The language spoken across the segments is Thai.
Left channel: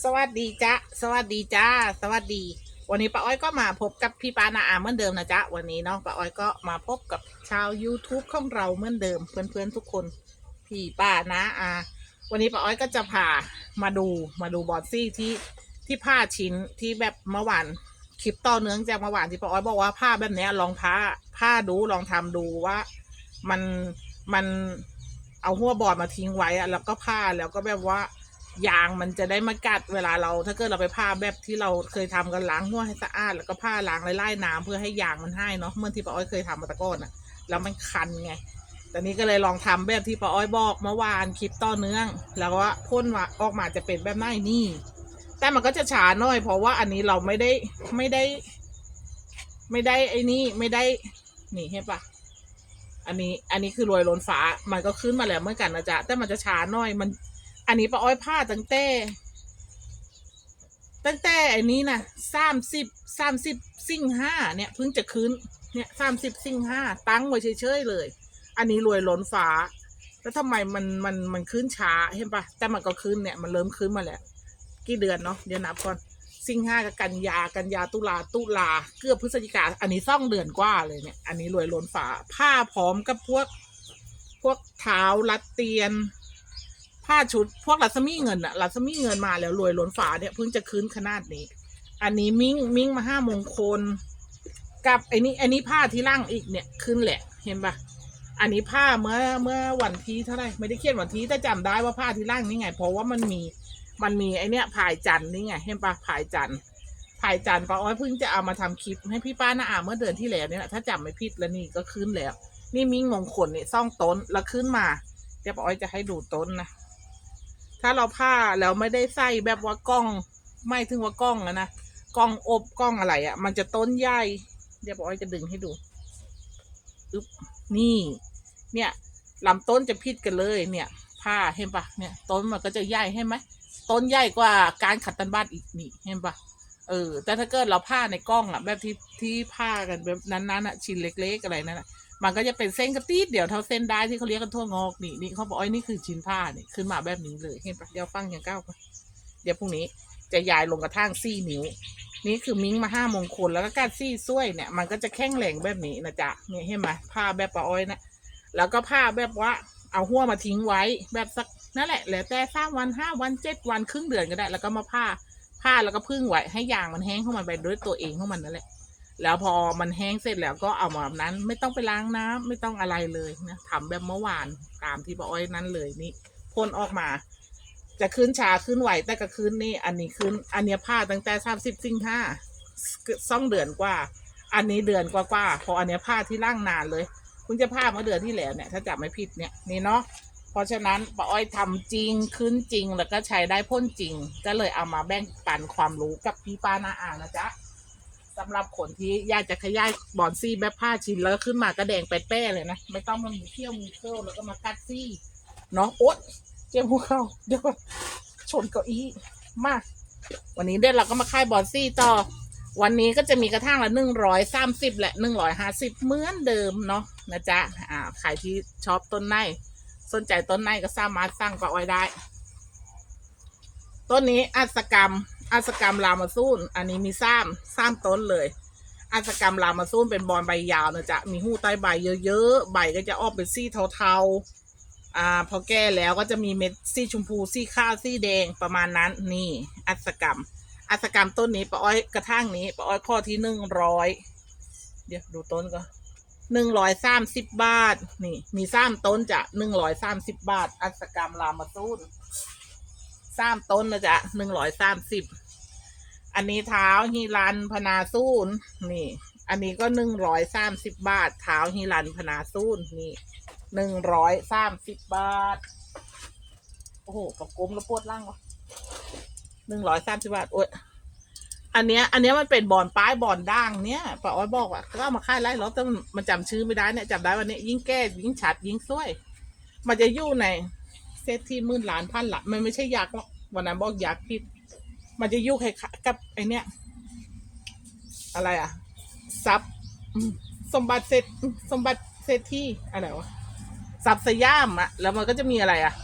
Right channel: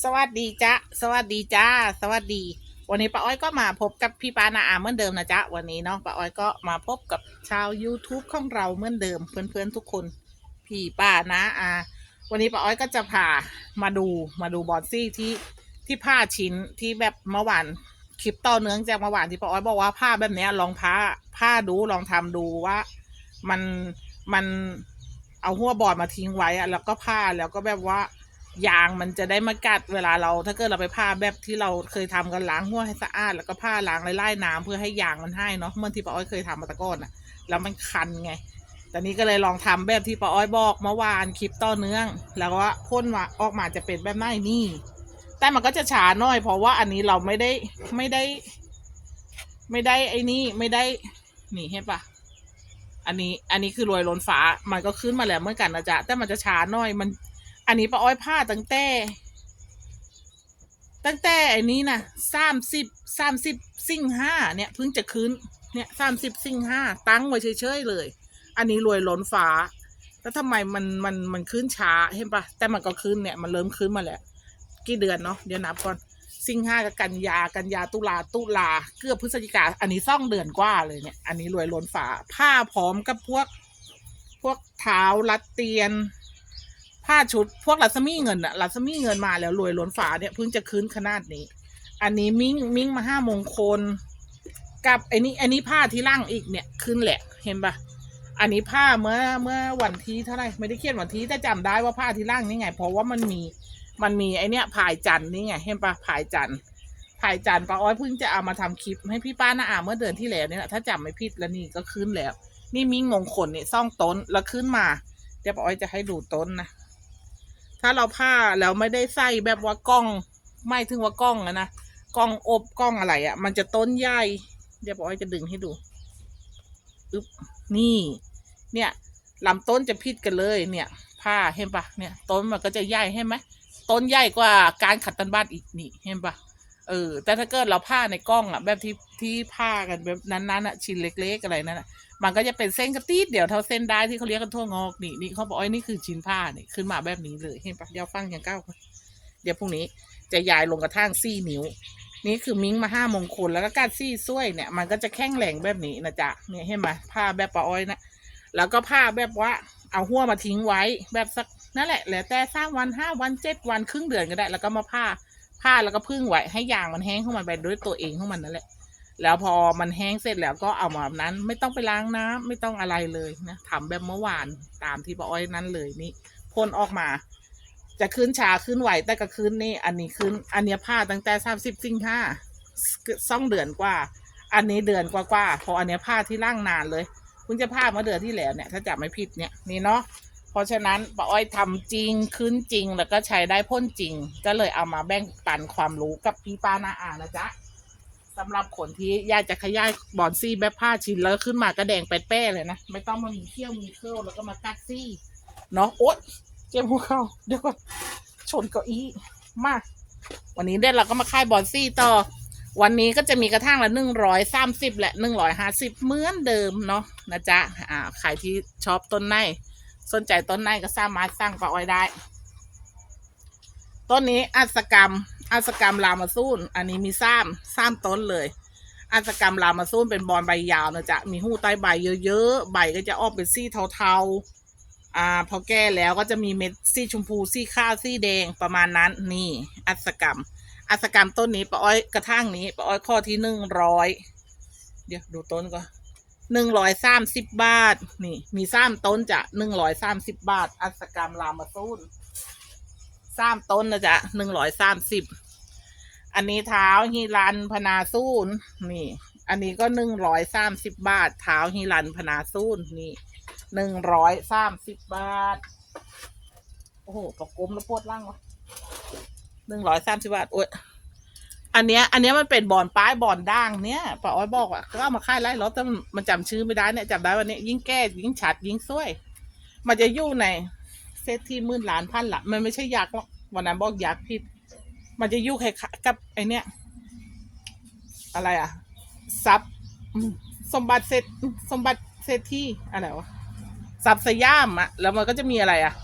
สวัสดีจ้าสวัสดีจ้า สวัสดี วันนี้ป้าอ้อยก็มาพบกับพี่ปานาอาเหมือนเดิมนะจ๊ะวันนี้เนาะป้าอ้อยก็มาพบกับชาว YouTube ของเราเหมือนเดิมเพื่อนๆทุกคน พี่ป้านะอาวันนี้ป้าอ้อยก็จะพามาดูมาดูบอลซี่ที่ที่ผ้าชิ้นที่แบบเมื่อวานคลิปต่อเนื่องจากเมื่อวานที่ป้าอ้อยบอกว่าผ้าแบบเนี้ยลองผ้าผ้าดูลองทำดูว่ามันมันเอาหัวบอร์ดมาทิ้งไว้อะแล้วก็ผ้าแล้วก็แบบว่า ยางมันจะได้ม่กัดเวลาเรา ถ้าเกิดเราไปผ้าแบบที่เราเคยทำกันล้างหัวให้สะอาด แล้วก็ผ้าล้างไล่ๆน้ำเพื่อให้ยางมันให้เนาะเมื่อที่ป้าอ้อยเคยทำมาตะก้อนอะแล้วมันคันไงตอนนี้ก็เลยลองทำแบบที่ป้าอ้อยบอกเมื่อวานคลิปต่อเนื่อง แล้วก็พ่นมาออกมาจะเป็นแบบไหนนี่ แต่มันก็จะช้าหน่อย เพราะว่าอันนี้เราไม่ได้ไม่ได้ ไม่ได้ไอ้นี่ไม่ได้นี่เห็นปะอันนี้อันนี้คือรวยล้นฟ้ามันก็ขึ้นมาแล้วเหมือนกันนะจ๊ะแต่มันจะช้าหน่อยมัน อันนี้ป้าอ้อยผ้าตั้งแต่ ตั้งแต่อันนี้นะสามสิบสามสิบสิ่งห้าเนี่ยเพิ่งจะคืนเนี่ยสามสิบสิ่งห้าตั้งไว้เฉยๆเลย อันนี้รวยล้นฟ้า แล้วทำไมมันมันมันขึ้นช้าเห็นปะแต่มันก็ขึ้นเนี่ยมันเริ่มขึ้นมาแล้วกี่เดือนเนาะเดี๋ยวนับก่อนสิ่งห้ากับกันยากันยาตุลาตุลาเกือบพฤศจิกาอันนี้ซ่องเดือนกว่าเลยเนี่ย อันนี้รวยล้นฟ้าผ้าพร้อมกับพวก พวกเท้ารัดเตียน ผ้าชุดพวกลัสมี่เงินอะลัสมี่เงินมาแล้วรวยล้นฝาเนี่ยเพิ่งจะคืนขนาดนี้ อันนี้มิ้งมิ้งมาห้ามงคล กับไอ้นี้อันนี้ผ้าที่ล่างอีกเนี่ยขึ้นแหละเห็นปะอันนี้ผ้าเมื่อเมื่อวันที่เท่าไหร่ไม่ได้เขียนวันที่แต่จำได้ว่าผ้าที่ล่างนี่ไง เพราะว่ามันมีมันมีไอเนี้ยผายจันนี่ไงเห็นปะผายจันผายจันป้าอ้อยเพิ่งจะเอามาทำคลิปให้พี่ป้านาอาเมื่อเดือนที่แล้วนี่แหละถ้าจำไม่ผิดแล้วนี่ก็ขึ้นแล้ว นี่มิ้งมงคลเนี่ยซ่องต้นแล้วขึ้นมาเดี๋ยวป้าอ้อยจะให้ดูต้นนะ ถ้าเราผ้าแล้วไม่ได้ใส่แบบว่ากล้อง ไม่ถึงว่ากล้องอะนะกล้องอบกล้องอะไรอะ่ะ มันจะต้นใหญ่เดี๋ยวปอยจะดึงให้ดูอึ๊บนี่ เนี่ยลำต้นจะพิดกันเลย เนี่ย ผ้าเห็นปะเนี่ย ต้นมันก็จะใหญ่เห็นไหมต้นใหญ่กว่าการขัดตันบ้านอีกนี่เห็นปะเออ แต่ถ้าเกิดเราผ้าในกล้องอะ แบบที่ที่ผ้ากันแบบนั้นๆอะชิ้นเล็ก ๆ อะไรนั่นอะ มันก็จะเป็นเส้นกระตีดเดี๋ยวเท่าเส้นได้ที่เขาเรียกกันทั่วงอกนี่นี่เขาบอกว่านี่คือชิ้นผ้านี่ขึ้นมาแบบนี้เลยเห็นปะเดี๋ยวฟังอย่างก้าวเดี๋ยวพรุ่งนี้จะยายลงกระทั่งซี่นิ้ว นี่คือมิ้งมาห้ามงคลแล้วก็การซี่ซ้วยเนี่ย มันก็จะแข็งแรงแบบนี้นะจ๊ะเนี่ยเห็นไหมผ้าแบบปะอ้อยนะแล้วก็ผ้าแบบว่าเอาหัวมาทิ้งไว้แบบสักนั่นแหละแล้วแต่สามวันห้าวันเจ็ดวันครึ่งเดือนก็ได้ แล้วก็มาผ้าผ้าแล้วก็พึ่งไว้ให้ยางมันแห้งของมันไปด้วยตัวเองของมันนั่นแหละ แล้วพอมันแห้งเสร็จแล้วก็เอามาแบบนั้นไม่ต้องไปล้างน้ำไม่ต้องอะไรเลยนะทำแบบเมื่อวานตามที่ป้าอ้อยนั้นเลยนี่พ่นออกมา จะขึ้นชาขึ้นไหวแต่ก็ขึ้นนี่ อันนี้ขึ้น อันนี้ผ้าตั้งแต่สามสิบสิงห้าซ่องเดือนกว่า อันนี้เดือนกว่ากว่าเพออันนี้ผ้าที่ร่างนานเลยคุณจะผ้าเมื่อเดือนที่แล้วเนี่ยถ้าจำไม่ผิดเนี่ยนี่เนาะเพราะฉะนั้นป้าอ้อยทำจริงขึ้นจริงแล้วก็ใช้ได้พ่นจริง ก็เลยเอามาแบ่งปันความรู้กับพี่ป้านาอานะจ๊ะ สำหรับคนที่อยากจะขยายบอนซี่แบบผ้าชิ้นแล้วขึ้นมากระแดงแป้ๆเลยนะ ไม่ต้องมามีเขี้ยวมีเครื่องแล้วก็มากัดซี่เนาะโอ๊ยเจ็บหัวเข่าเดี๋ยวก่อนชนเก้าอี้มา วันนี้เด่นเราก็มาค่ายบอนซี่ต่อ วันนี้ก็จะมีกระทั่งละหนึ่งร้อยสามสิบและหนึ่งร้อยห้าสิบเหมือนเดิมเนาะนะจ๊ะอ่าใครที่ชอบต้นไม้สนใจต้นไม้ก็สามารถสร้างปลาอ้อยได้ ต้นนี้อัศกรรม อัศกรรมรามาซูนอันนี้มีซ้ำซ้ำต้นเลย อัศกรรมรามาซูนเป็นบอลใบยาวนะจ๊ะ มีหูใต้ใบเยอะๆ ใบก็จะออกเป็นสี่เทาๆ อ่า พอแก้แล้วก็จะมีเม็ดสี่ชมพูสี่ข้าวสีแดงประมาณนั้น นี่ อัศกรรม อัศกรรมต้นนี้ปะอ้อยกระทั่งนี้ปะอ้อยข้อที่หนึ่งร้อยเดี๋ยวดูต้นก่อนหนึ่งร้อยสามสิบบาท นี่ มีซ้ำต้นจะหนึ่งร้อยสามสิบบาท อัศกรรมรามาซูนสามต้นนะจ๊ะหนึ่งร้อยสามสิบ อันนี้เท้าฮิรันพนาซูนนี่ อันนี้ก็หนึ่งร้อยสามสิบบาท เท้าฮิรันพนาซูนนี่หนึ่งร้อยสามสิบบาท โอ้โหกระกลมแล้วปวดร่างวะหนึ่งร้อยสามสิบบาทโอ้ยอันเนี้ย อันเนี้ยมันเป็นบอนป้ายบอนด่างเนี้ยป้าอ้อยบอกว่าก็เอามาค่ายไล่รถแต่มันมันจำชื่อไม่ได้เนี่ยจำได้วันนี้ยิ่งแก้ยิ่งฉัดยิ่งซวย มันจะอยู่ในเซตที่มื่นล้านพันละมันไม่ใช่ยักษ์หรอกวันนั้นบอกยักษ์ผิด มันจะยุ่งคล้ายๆกับไอเนี้ยอะไรอะทรัพย์สมบัติเศรษสมบัติเศรษฐีอะไรวะทรัพย์สยามอะแล้วมันก็จะมีอะไรอะ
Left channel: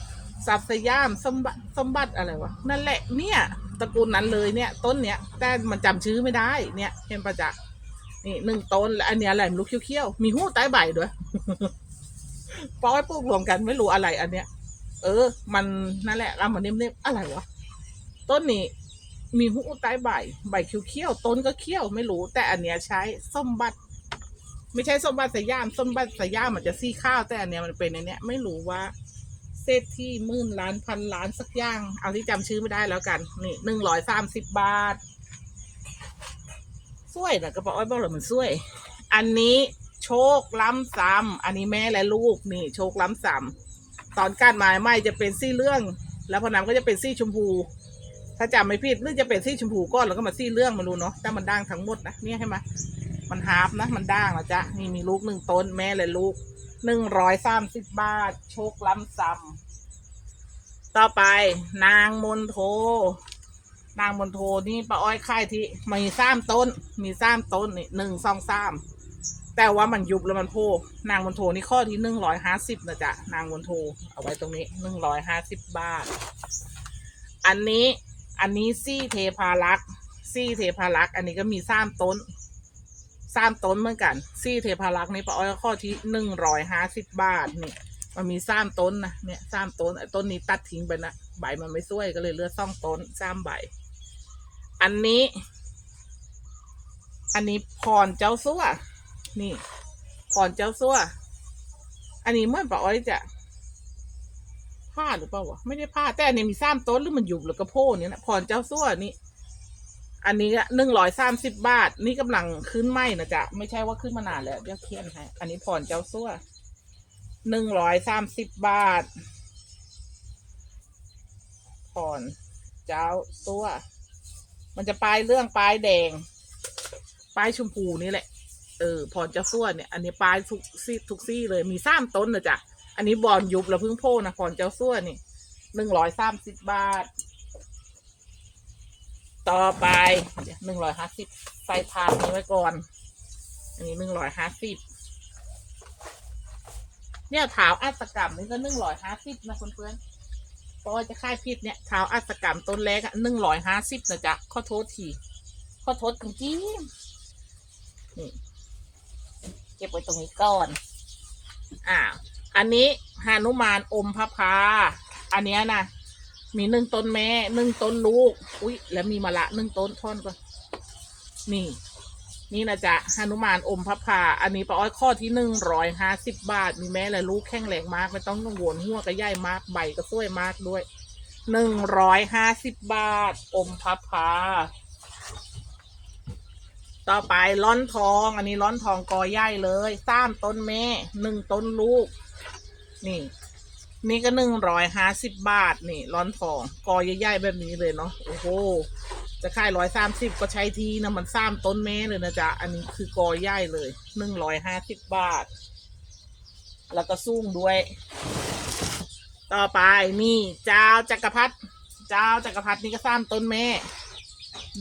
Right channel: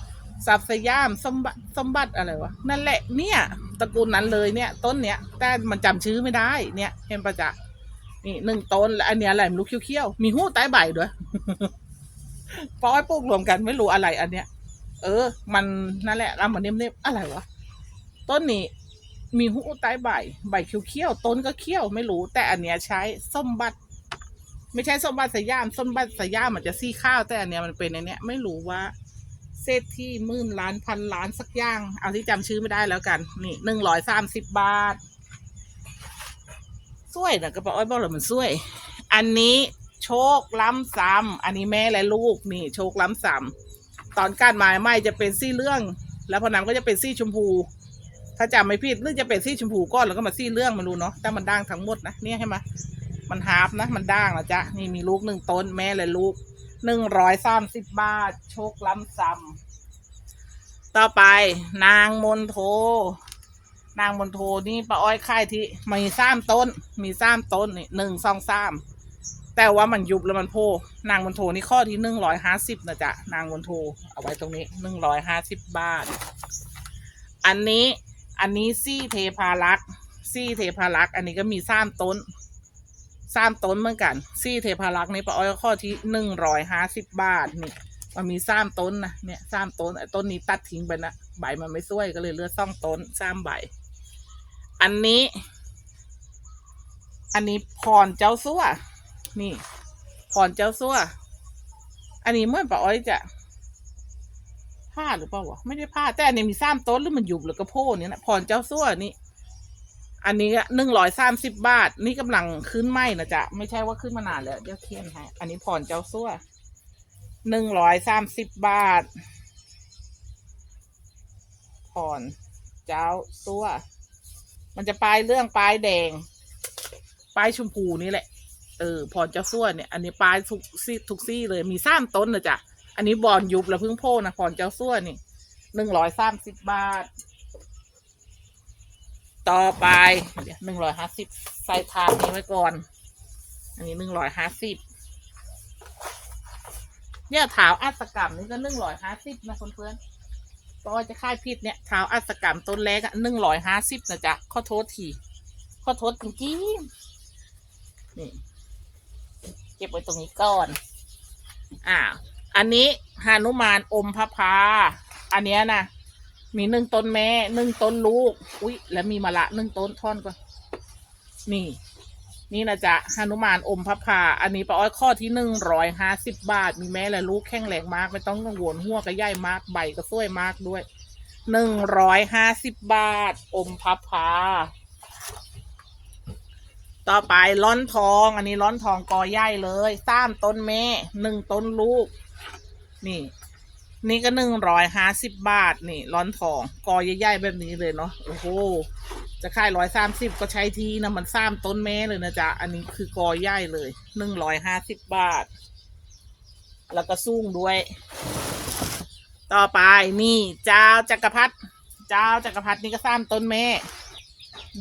สับสยามสมบัติสมบัติอะไรวะนั่นแหละเนี่ยตระกูลนั้นเลยเนี่ย ต้นเนี้ยแต่มันจำชื่อไม่ได้เนี่ยเห็นปะจ๊ะนี่หนึ่งต้นแล้วอันเนี้ยอะไรไม่รู้เขี้ยวๆมีหูใต้ใบด้วยปอยปลูกรวมกันไม่รู้อะไรอันเนี้ย เออ มันนั่นแหละแล้วมันเนียมๆอะไรวะต้นนี้ มีหูใต้ใบใบเขี้ยวๆต้นก็เขี้ยวไม่รู้ แต่อันเนี้ยใช้ส้มบัตไม่ใช่ส้มบัตสยามส้มบัตสยามมันจะซี่ข้าวแต่อันเนี้ยมันเป็นในเนี้ยไม่รู้ว่าเศรษฐีหมื่นล้านพันล้านสักอย่าง เอาที่จำชื่อไม่ได้แล้วกัน นี่หนึ่งร้อยสามสิบบาทสวยนะกระเป๋าอ้อยบอกเลยมันสวย อันนี้โชคล้ำซ้ำอันนี้แม่และลูกนี่ โชคล้ำซ้ำตอนกานไม้ไม่จะเป็นซี่เรื่อง แล้วพอน้ำก็จะเป็นซี่ชมพู ถ้าจำไม่ผิดหรือจะเป็นซี่ชมพูก้อนแล้วก็มาซี่เรื่องมาดูเนาะแต่มันด่างทั้งหมดนะเนี่ยใช่ไหมมันฮาร์ฟนะ มันด่างนะจ๊ะนี่มีลูกหนึ่งต้นแม่และลูกหนึ่งร้อยสามสิบบาท โชคล้ำซ้ำต่อไปนางมนโท นางมนโทนี่ป้าอ้อยค่ายที่มีสามต้น มีสามต้นนี่หนึ่งสองสามแต่ว่ามันยุบแล้วมันโพนางมนโทนี่ข้อที่หนึ่งร้อยห้าสิบนะจ๊ะนางมนโทเอาไว้ตรงนี้หนึ่งร้อยห้าสิบบาท อันนี้ อันนี้ซี่เทพารักษ์ซี่เทพารักษ์อันนี้ก็มีสามต้นสามต้นเหมือนกัน ซี่เทพารักษ์นี่ป้าอ้อยข้อที่หนึ่งร้อยห้าสิบบาทนี่มันมีสามต้นนะเนี่ยสามต้นต้นนี้ตัดทิ้งไปนะใบมันไม่สวยก็เลยเลือสองต้นสามใบ อันนี้ อันนี้พรเจ้าซัวนี่พรเจ้าซัวอันนี้เมื่อป้าอ้อยจะ พลาดหรือเปล่าวะไม่ได้พลาดแต่อันนี้มีสามต้นหรือมันหยุบหรือกระโพกเนี่ยนะพรเจ้าซัวนี่อันนี้หนึ่งร้อยสามสิบบาท นี่กำลังขึ้นไหมนะจ๊ะไม่ใช่ว่าขึ้นมานานแล้วยังเทียนให้อันนี้ผ่อนเจ้าซั่วหนึ่งร้อยสามสิบบาท ผ่อนเจ้าซั่วมันจะปลายเรื่องปลายแดงปลายชมพูนี่แหละเออผ่อนเจ้าซั่วเนี่ยอันนี้ปลายทุกซี่ทุกซี่เลยมีสามต้นนะจ๊ะ อันนี้บอลยุบแล้วเพิ่งโพนะผ่อนเจ้าซั่วนี่หนึ่งร้อยสามสิบบาท ต่อไปหนึ่งร้อยห้าสิบใส่ทางนี้ไว้ก่อน อันนี้หนึ่งร้อยห้าสิบเนี่ยเท้าอัตกรรมนี่ก็หนึ่งร้อยห้าสิบนะเพื่อนเพราะว่าจะค่ายพิษเนี่ยเท้าอัตกรรมต้นแรกอะหนึ่งร้อยห้าสิบนะจ๊ะข้อโทษทีข้อโทษจริงนี่เก็บไว้ตรงนี้ก่อนอ่า อันนี้หานุมานอมพระพา อันเนี้ยนะมีหนึ่งต้นแม่หนึ่งต้นลูก อุ้ยแล้วมีมะละหนึ่งต้นท่อนก่อนนี่ นี่นะจ๊ะหนุมานอมพระพา อันนี้ป้าอ้อยข้อที่หนึ่งร้อยห้าสิบบาท มีแม่และลูกแข็งแรงมาก ไม่ต้องกังวลหัวก็ใหญ่มากใบก็สวยมากด้วยหนึ่งร้อยห้าสิบบาท อมพับพา ต่อไปร้อนทอง อันนี้ร้อนทองกอใหญ่เลยสามต้นแม่หนึ่งต้นลูก นี่ นี่ก็หนึ่งร้อยห้าสิบบาทนี่ร้อนทองกอใหญ่ๆแบบนี้เลยเนาะโอ้โหจะขายร้อยสามสิบก็ใช้ทีนะมันซ้ำต้นแม่เลยนะจ๊ะอันนี้คือกอใหญ่เลยหนึ่งร้อยห้าสิบบาท แล้วก็สูงด้วย ต่อไปนี่เจ้าจักรพรรดิเจ้าจักรพรรดินี่ก็ซ้ำต้นแม่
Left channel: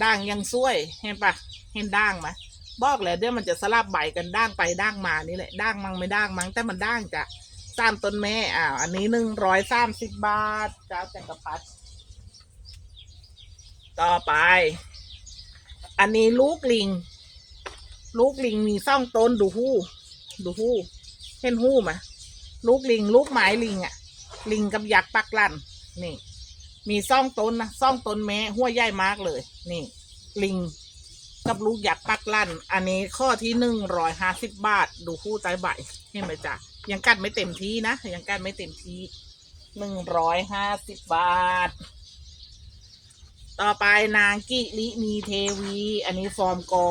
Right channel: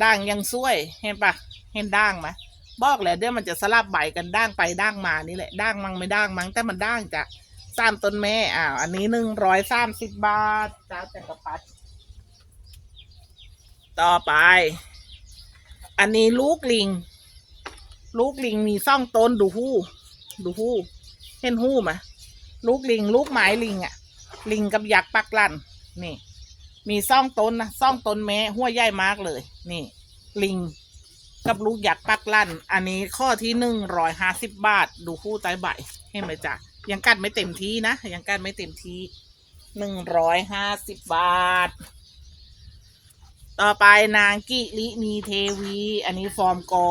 ด่างยังสวยเห็นปะเห็นด่างไหมบอกแล้วเดี๋ยวมันจะสลับใบกันด่างไปด่างมานี่แหละด่างมั่งไม่ด่างมั่งแต่มันด่างจ้ะ สามต้นแม่อ้าวอันนี้หนึ่งร้อยสามสิบบาทเจ้าจักรพรรดิต่อไป อันนี้ลูกลิง ลูกลิงมีซ่องต้นดูหู้ ดูหู้ เห็นหู้ไหมลูกลิง ลูกไม้ลิงอะลิงกับยักษ์ปักลั่นนี่ มีซ่องต้นนะซ่องต้นแม่หัวใหญ่มากเลย นี่ ลิงกับลูกยักปักลั่น อันนี้ข้อที่หนึ่งร้อยห้าสิบบาท ดูคู่ใต้ใบเห็นไหมจ๊ะ ยังกัดไม่เต็มที่นะ ยังกัดไม่เต็มที่หนึ่งร้อยห้าสิบบาท ต่อไปนางกิลินีเทวี อันนี้ฟอร์มกอ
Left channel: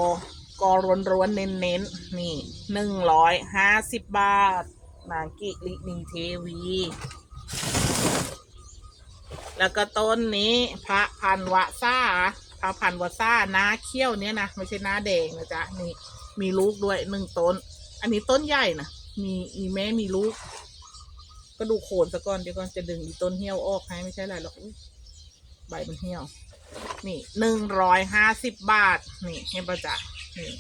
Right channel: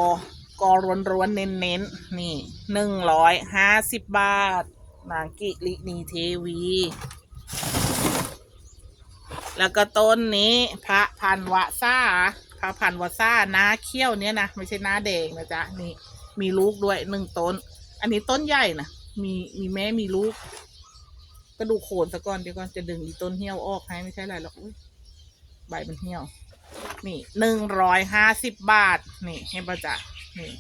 กอรวนรวนๆเน้นเน้นๆนี่หนึ่งร้อยห้าสิบบาท นางกิลินีเทวี แล้วก็ต้นนี้พระพันวะซ่าพระพันวะซ่าน้าเขี้ยวเนี้ยนะ ไม่ใช่น้าแดงนะจ๊ะ นี่มีลูกด้วยหนึ่งต้น อันนี้ต้นใหญ่นะ มีมีแม่มีลูกก็ดูโคนซะก่อนเดี๋ยวก่อนจะดึงอีต้นเหี่ยวออกให้ไม่ใช่อะไรหรอกใบมันเหี่ยว นี่หนึ่งร้อยห้าสิบบาท นี่ให้ประจักษ์นี่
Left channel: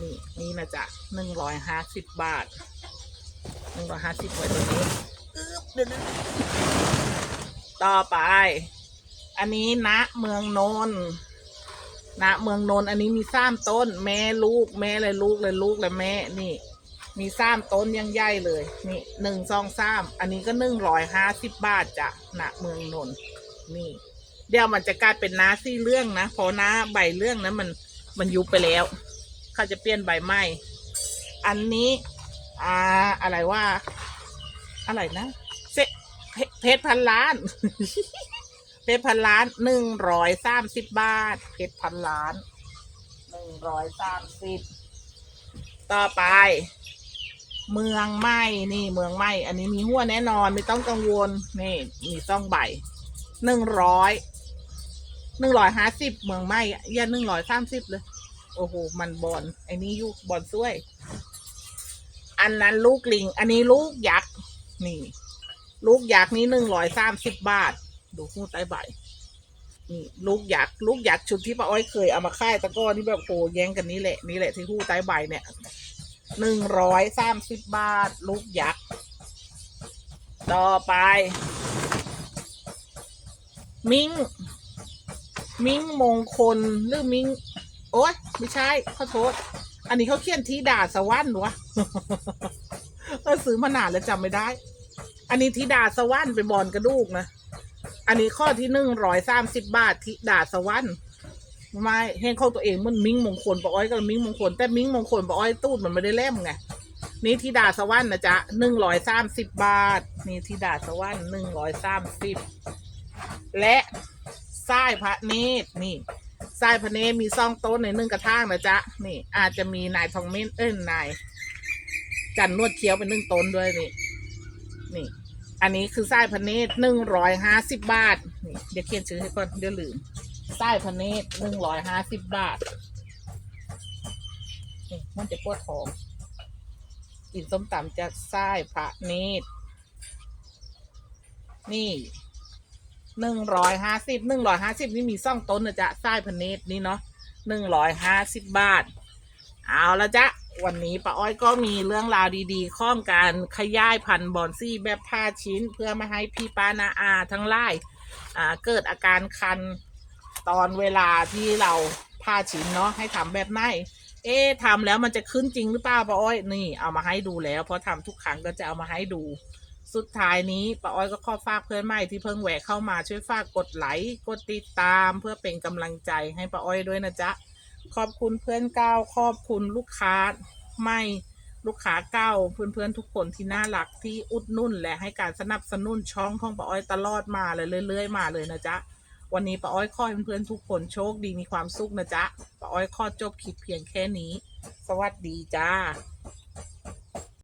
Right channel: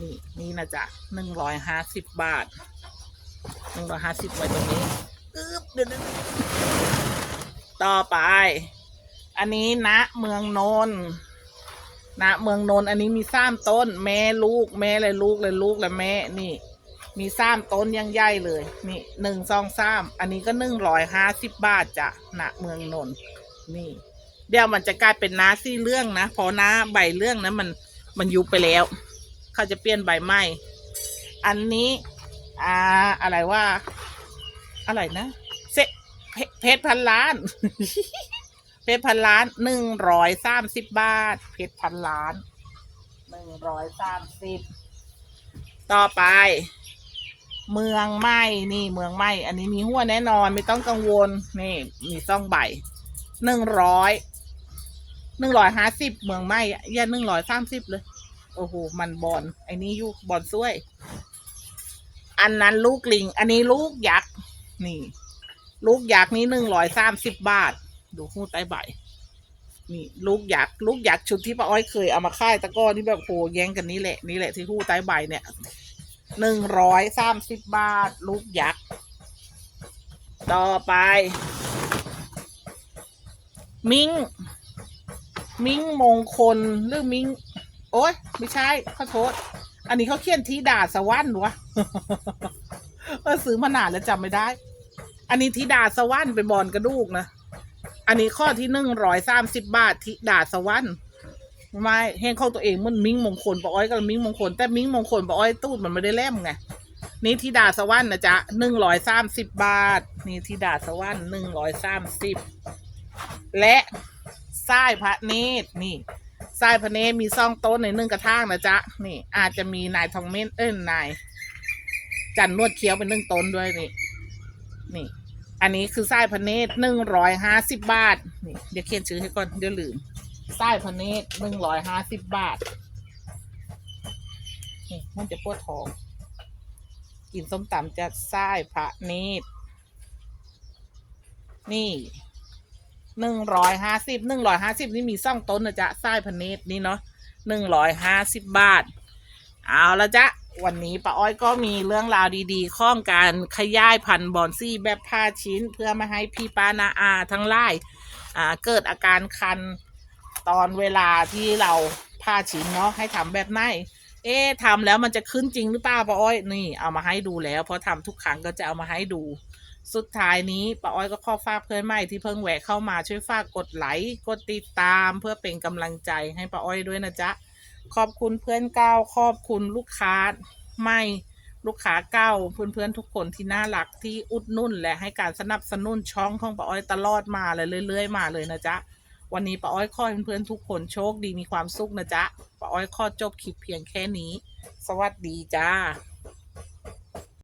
นี่นี่นะจ๊ะหนึ่งร้อยห้าสิบบาทหนึ่งร้อยห้าสิบไว้ตรงนี้อึ๊บเดี๋ยวต่อไป อันนี้ณเมืองนนท์ณเมืองนนท์อันนี้มีสามต้น แม่ลูก แม่เลยลูกเลยลูกเลยแม่นี่ มีสามต้นยังใหญ่เลย นี่หนึ่งสองสามอันนี้ก็หนึ่งร้อยห้าสิบบาทจ้ะณเมืองนนท์นี่ เดี๋ยวมันจะกลายเป็นน้าซี่เรื่องนะเพราะน้าใบเรื่องนะมันมันยุบไปแล้ว เขาจะเปลี่ยนใบใหม่อันนี้อ่าอะไรว่าอะไรนะเซเพชรพันล้าน เพชรพันล้านหนึ่งร้อยสามสิบบาท เพชรพันล้านหนึ่งร้อยสามสิบต่อไป เมืองไหม้นี่เมืองไหม้อันนี้มีหัวแน่นอนไม่ต้องกังวลนี่มีซ่องใบหนึ่งร้อยหนึ่งร้อยห้าสิบเมืองไหม้อย่าหนึ่งร้อยสามสิบเลย โอ้โหมันบอลไอ้นี้ยุบอลซ้วย อันนั้นลูกลิง อันนี้ลูกยักษ์นี่ ลูกยักษ์นี้หนึ่งร้อยสามสิบบาท ดูหู้ใต้ใบนี่ลูกยักษ์ลูกยักษ์ชุดที่ป้าอ้อยเคยเอามาค่ายตะก้อที่แบบโหแย่งกันนี้แหละนี่แหละที่หู้ใต้ใบเนี่ย หนึ่งร้อยสามสิบบาท ลูกยักษ์ ต่อไป มิง มิงมงคล หรือมิง โอ๊ย ไม่ใช่ขอโทษ อันนี้เขาเขียนที่ดาสวรรค์วะเออซื้อมานานแล้วจำไม่ได้ อันนี้ธิดาสวรรค์เป็นบอลกระดูกนะ อันนี้ข้อที่หนึ่งร้อยสามสิบบาทธิดาสวรรค์ ไม่เห็นเข้าตัวเองมันมิ้งมงคลปะอ้อยกับมิ้งมงคลแต่มิ้งมงคลปะอ้อยตูดมันไม่ได้เล่มไงนี่ธิดาสวรรค์นะจ๊ะหนึ่งร้อยสามสิบบาท นี่ธิดาสวรรค์หนึ่งร้อยสามสิบและสายพระเนตรนี่ทรายพระเนตรมีซองโต๊ะในหนึ่งกระถางนะจ๊ะนี่ อาจจะมีนายทองเม้นเอ้ยนายจันนวดเคี้ยวเป็นหนึ่งต้นด้วยนี่ นี่ อันนี้คือทรายพระเนตรหนึ่งร้อยห้าสิบบาทนี่เดี๋ยวเขียนชื่อให้ก่อนเดี๋ยวลืม ทรายพระเนตหนึ่งร้อยห้าสิบบาทนี่มันจะปวดท้อง กินส้มตำจากทรายพระเนตรนี่หนึ่งร้อยห้าสิบหนึ่งร้อยห้าสิบนี่มีซ่องต้นนะจ๊ะไส้พันเนตรนี่เนาะหนึ่งร้อยห้าสิบบาท เอาละจ๊ะวันนี้ป้าอ้อยก็มีเรื่องราวดีๆ ข้องการขยายพันธุ์บอนซี่แบบผ้าชิ้น เพื่อไม่ให้พี่ป้านาอาทั้งไล่เกิดอาการคัน ตอนเวลาที่เราผ้าชิ้นเนาะให้ทำแบบไหน เอ๊ะทำแล้วมันจะขึ้นจริงหรือเปล่าป้าอ้อย นี่เอามาให้ดูแล้วเพราะทำทุกครั้งก็จะเอามาให้ดู สุดท้ายนี้ป้าอ้อยก็ขอฝากเพื่อนใหม่ที่เพิ่งแหวกเข้ามาช่วยฝากกดไลค์กดติดตามเพื่อเป็นกำลังใจให้ป้าอ้อยด้วยนะจ๊ะ ขอบคุณเพื่อนเก้าขอบคุณลูกค้าใหม่ลูกค้าเก้าเพื่อนๆทุกคนที่น่ารักที่อุดนุ่นและให้การสนับสนุนช่องของป้าอ้อยตลอดมาเลยเรื่อย ๆ มาเลยนะจ๊ะ วันนี้ป้าอ้อยขอให้เพื่อนๆทุกคนโชคดีมีความสุขนะจ๊ะป้าอ้อยขอจบคลิปเพียงแค่นี้ สวัสดีจ้า